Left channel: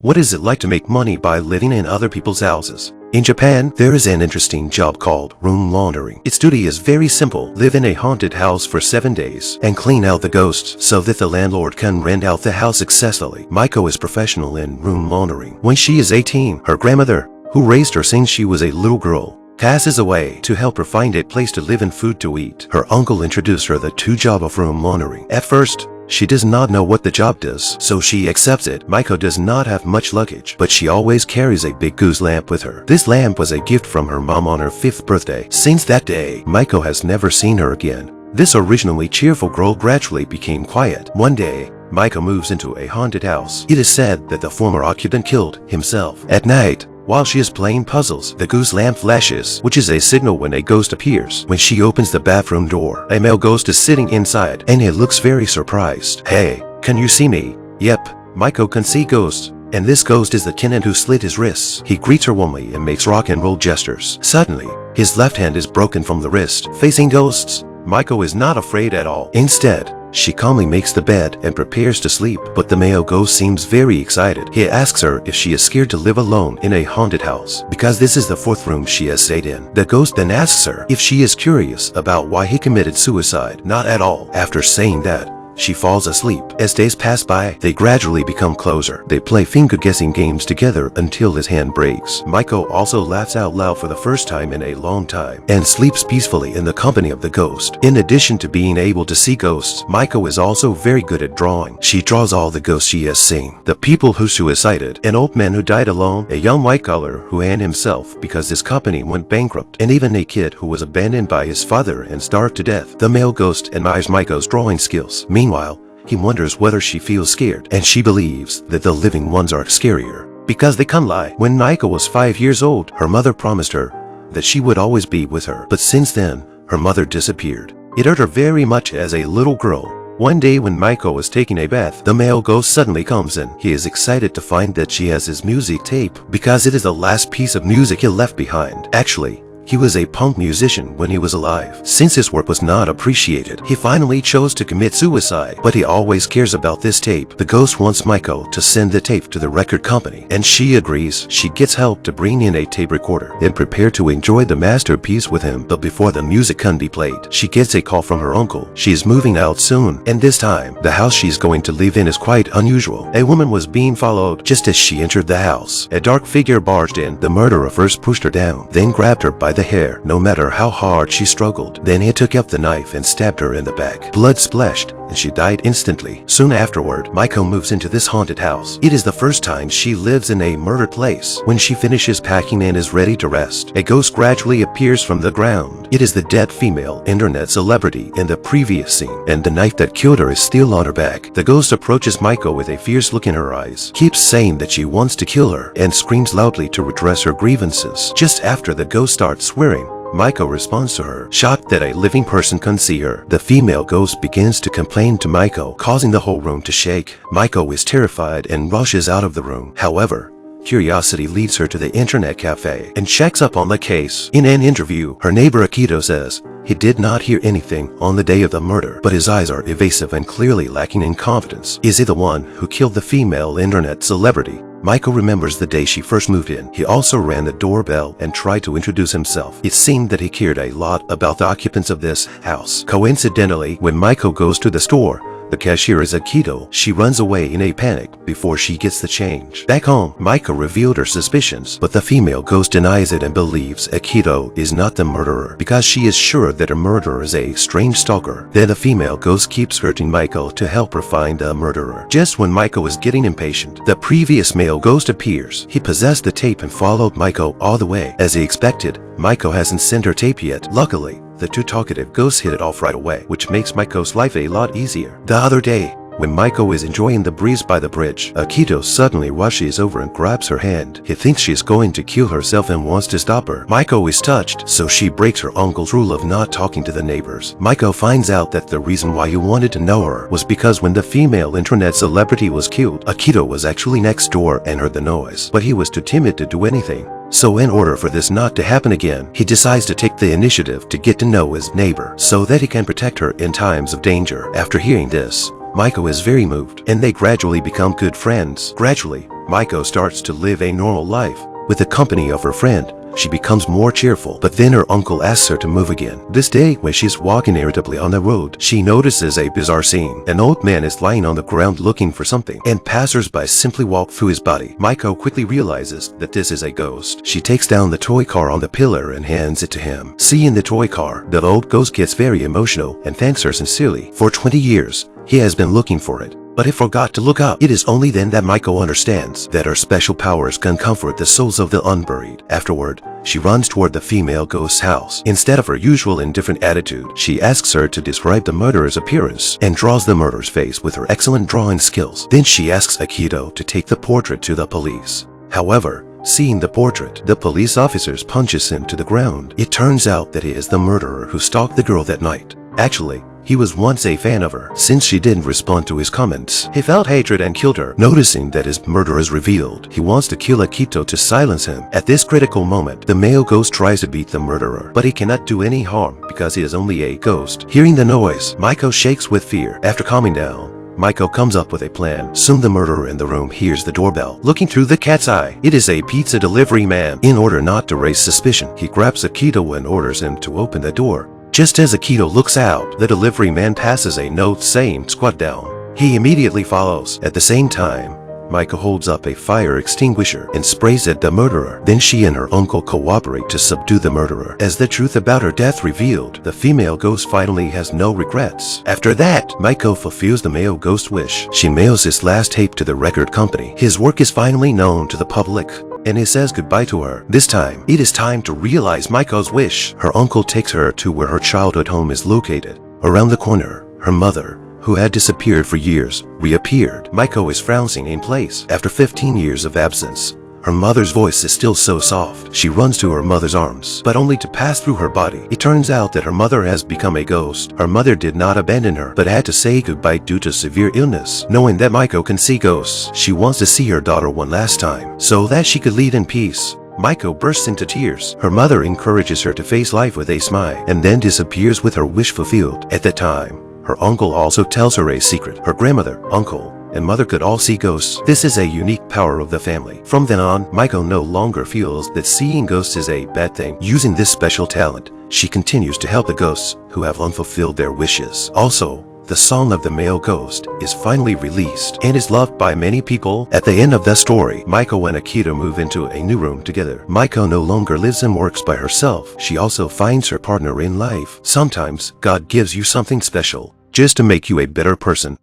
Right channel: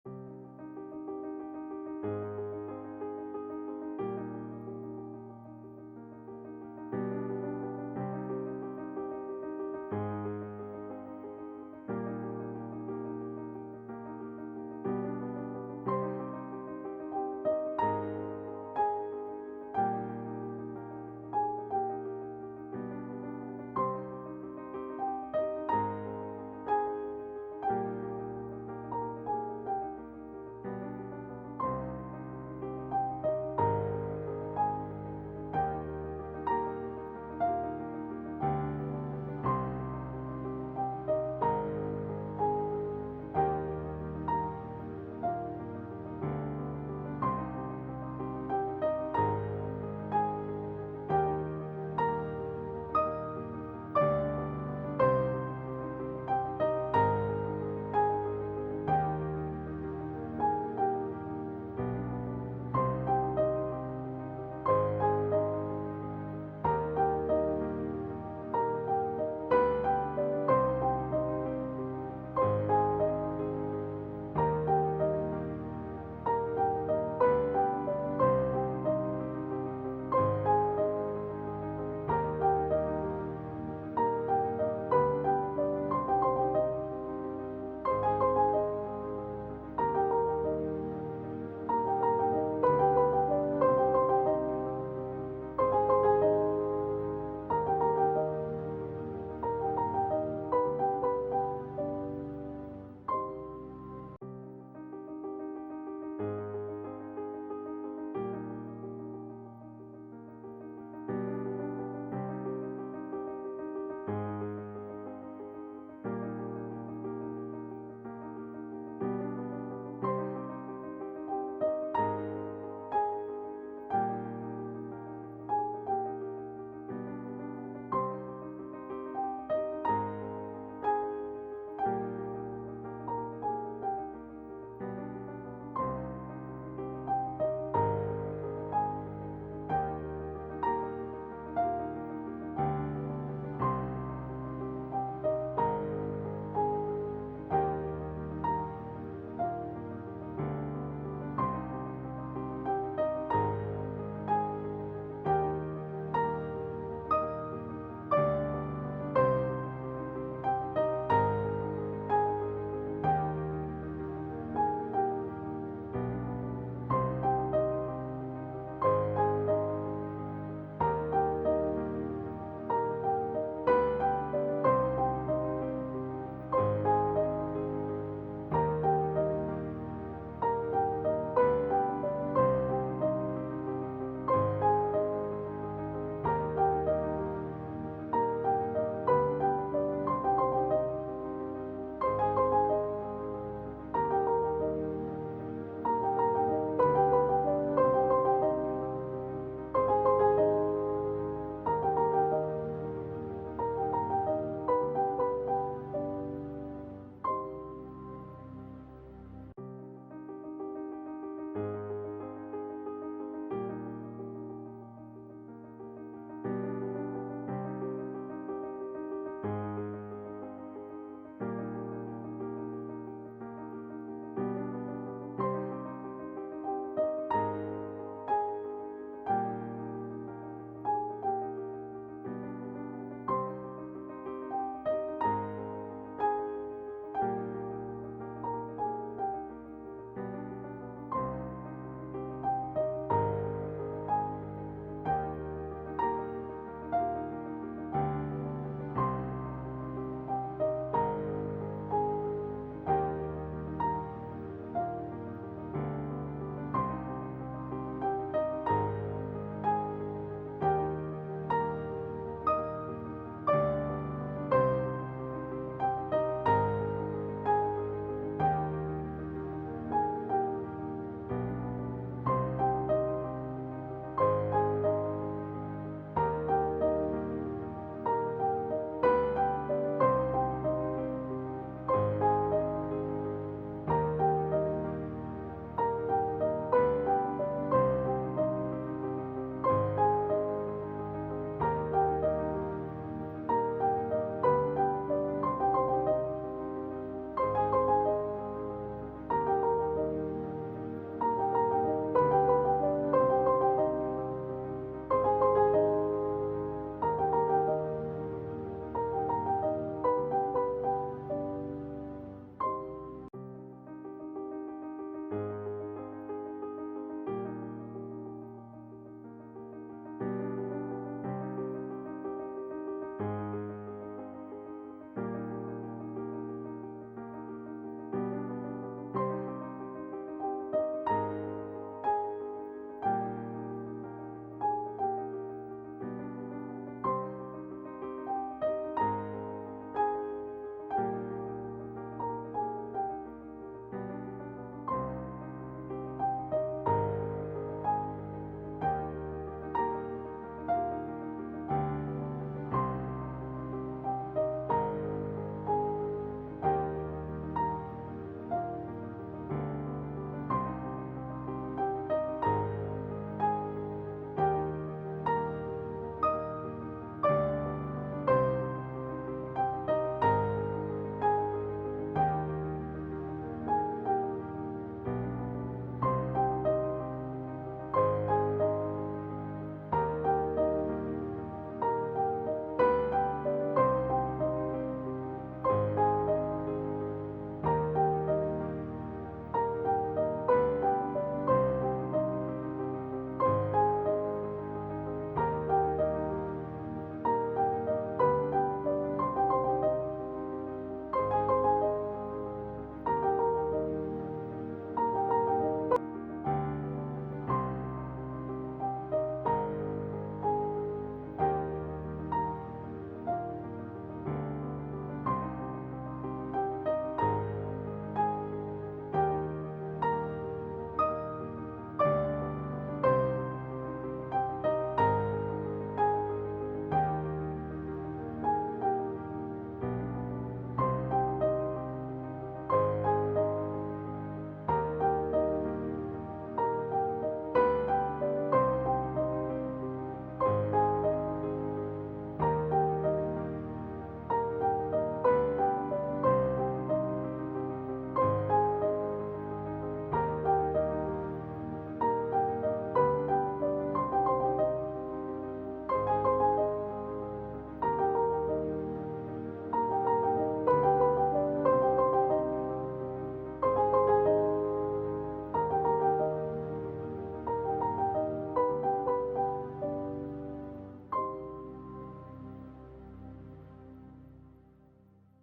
What is it like to make money by living in other people's houses? In Japan, there is an interesting job called room laundering. Its duty is very simple. Live in a haunted house for 7 days and clean out the ghosts so that the landlord can rent out the house successfully. Maiko is professional in room laundering. When she is 18, her grandmother, who raised her since she was a little girl, passes away. To help her find a place to live and food to eat, her uncle introduced her the job of room laundering. At first, she does not know what the job does, so she accepts it. Maiko does not have much luggage, but she always carries a big goose lamp with her. This lamp was a gift from her mom on her 5th birthday. Since that day, Maiko has never seen her again. This originally cheerful girl gradually became quiet. One day, Maiko moves into a haunted house. It is said that the former occupant killed himself. At night, while she is playing puzzles, the goose lamp flashes, which is a signal when a ghost appears. When she opens the bathroom door, a male ghost is sitting inside, and he looks very surprised. "Hey, can you see me?" "Yep." Maiko can see ghosts, and this ghost is the tenant who slit his wrists. He greets her warmly and makes rock and roll gestures. Suddenly, his left hand is broken from the wrist. Facing ghosts, Maiko is not afraid at all. Instead, she calmly makes the bed and prepares to sleep, but the male ghost seems very excited. He asks her if she is scared to live alone in a haunted house, because this is the 4th room she has stayed in. The ghost then asks her if she is curious about why he committed suicide. Not at all. After saying that, she falls asleep. As days pass by, they gradually become closer. They play finger-guessing games together until his hand breaks. Maiko also laughs out loud for the first time in a long time and sleeps peacefully in the company of the ghost. In addition to being able to see ghosts, Maiko is also very good at drawing. She draws all the ghosts she has seen. The people who suicided, an old man who died alone, a young white-collar who hanged himself because his company went bankrupt, and even a kid who was abandoned by his father and starved to death. The male ghost admires Maiko's drawing skills. Meanwhile, he wonders whether she feels scared, and she believes that the living ones are scarier because they can lie. When Maiko was 5 years old, her mother promised her that she would always be with her, but since then, her mother disappeared. It hurt her very much as a little girl. One day when Maiko was taking a bath, the male ghost suddenly comes in. He is excited to find that she has his music tape because it is the last piece of music he left behind. Actually, he was a punk musician when he was alive. Since his work was not appreciated, he finally chose to commit suicide, but he always cares about this tape. The ghost wants Maiko to send the tape to the record company, and she agrees. She gets help to bring in a tape recorder and prepare to enjoy the masterpiece with him. But before the music can be played, she gets a call from her uncle. She is moving out soon, and this time, the house she's going to live in is quite unusual. A woman was being followed just as she entered the house. A dark figure barged in. The murderer first pushed her down, then grabbed her by the hair. No matter how hard she struggled, then he took up the knife and stabbed her in the back. Blood splashed, and she died instantly. Soon afterward, Maiko moves into this haunted house. It is the first time she lives in a murdered place. When she finishes packing and is ready to rest, a ghost gradually appears from the ground. It is the dead female internet celebrity in the previous scene, and the knife that killed her is still on her back. The ghost approaches Maiko with a fierce look in her eyes, keeps saying that she wants to kill her, and screams loudly to redress her grievances. Just after the ghost starts swearing, Maiko responds to her, shocked that a living person can see her. The female ghost begins to complain to Maiko, causing the whole room to shake. Maiko is terrified and rushes out of the room. However, curiosity leads her to the internet cafe and checks up on the case. In an interview, her neighbor Akito says he did not hear anything on the day of the murder, but his eyes are evasive and clearly lacking in confidence. Is he the one who killed the female internet celebrity? Maiko remembers the day she first moved in. He also rang the doorbell and tried to introduce himself. It seemed that he cared a lot about the occupants of this house. Coincidentally, when Maiko goes to the store, the cashier is Akito. She runs away in a panic before she gets the change. Back home, Maiko revealed her suspicions, but the female ghost denies it and believes Akito is not the murderer because she is sure that her murderer is a strange stalker. Then the female ghost keeps hurting Maiko to help her find the murderer. Just when Maiko is getting impatient, the previous male ghost appears. He possessed the tape and followed Maiko all the way. As he expected, Maiko hasn't sent her tape yet. Luckily, the two talkative ghosts hit it off right away, which makes Maiko's life a lot easier. The other day, when Maiko is enjoying the breeze by the bridge, Akito suddenly rushes over and grabs her hand. He thinks she's going to kill herself and wants to stop her. Maiko is touched, so she breaks her uncle's rule of not talking to the neighbors. Maiko finds out that the reason why he wanted to know her was because when the female internet celebrity was killed, Akito was actually next door and heard the noise, but he was too timid to do anything. So in order for this not to happen again, he decides to take the initiative to get to know his neighbor so that he can protect her in times of danger. After hearing this, Maiko is very moved, and they gradually become good friends. Gradually, Maiko starts to live a normal life. With the company of her friend, she becomes more cheerful, but then her uncle asks her to move again. This day, when she's walking irritably on the road, she notices a bizarre scene. An old man is lying on the ground looking for something, and passers-by simply walk through his body. Maiko quickly realizes that this is a ghost. She takes down the toy car on the pillar and hands it to him. Seeing the toy car, the old ghost gets very emotional and thanks her sincerely. For 20 years, he has been looking for it, but he forgot to look up. It is only then that Maiko understands that her special powers can comfort the souls of the unburied. Afterward, she runs toward the female ghost's house. Instead of her usual indifferent attitude, she asks her to describe the murderer's appearance and draws the murderer's face with her excellent drawing skills. Then she asks Akito to take the portrait to the police. However, seeing the portrait, the police officers punches him to the ground. It turns out that he is the murderer who stalked the girl that night. Actually, he was once a fan of her. Since she didn't respond to his comments, he felt hatred and killed her. Noticing that his murder is revealed, he wants to kill Akito to silence him. At this critical moment, the male ghost tries to beat the murderer, but he cannot do any harm because he is only a ghost. Hearing the noise, Maiko shakes with fear. After calming down, Maiko comes up with a plan. Soon the murderer in the room hears the doorbell. Looking through the cat's eye, it is a pizza delivery man. In order not to raise suspicion, he grabs Akito and orders him to open the door. Just as Akito looks out, the delivery man passes a note saying, "Squat down." He immediately follows. At the same time, Maiko holds up a fire extinguisher and sprays at the murderer. Then she and her uncle cooperate to subdue the murderer. As the truth about her death revealed, the female ghost finally has no regrets. After that, Maiko fulfills the male ghost wish. She mails his last tape to the record company. His work is finally known to the public, and he says goodbye to her. This time, it is time to realize Maiko's wish. Her uncle takes her to where her childhood home is located. Around the corner, her mother, who had disappeared for years, reappeared. Maiko is frowning in place. After 15 years of absence, her mother's voice is still so soft. She runs to her mother's arms, but only to pass through her body. It turns out that her mother has become a ghost. Her mother did not abandon her, but had to say goodbye due to severe illness. Knowing that Maiko can see ghosts, she wants to see her daughter one last time, so that she could lead in peace. Maiko bursts into tears. Her mother encourages her to face life with a smile, and then disappears with her wish fulfilled. At that time, her uncle also tells her a secret. Her grandmother, uncle, and mother could all see ghosts. This is a unique power of the family. From then on, Maiko no longer feels that seeing ghosts is a bad thing. Using this special talent, she continues to help the ghosts who have unfulfilled their wishes. Also, the song of the male ghost is finally released and is loved by many people. At the end of the story, Maiko and Akito move into a new room together. Maiko no longer lives and works by herself. She also finds her partner in life. Sometimes, God gives you something special just to make you a better person.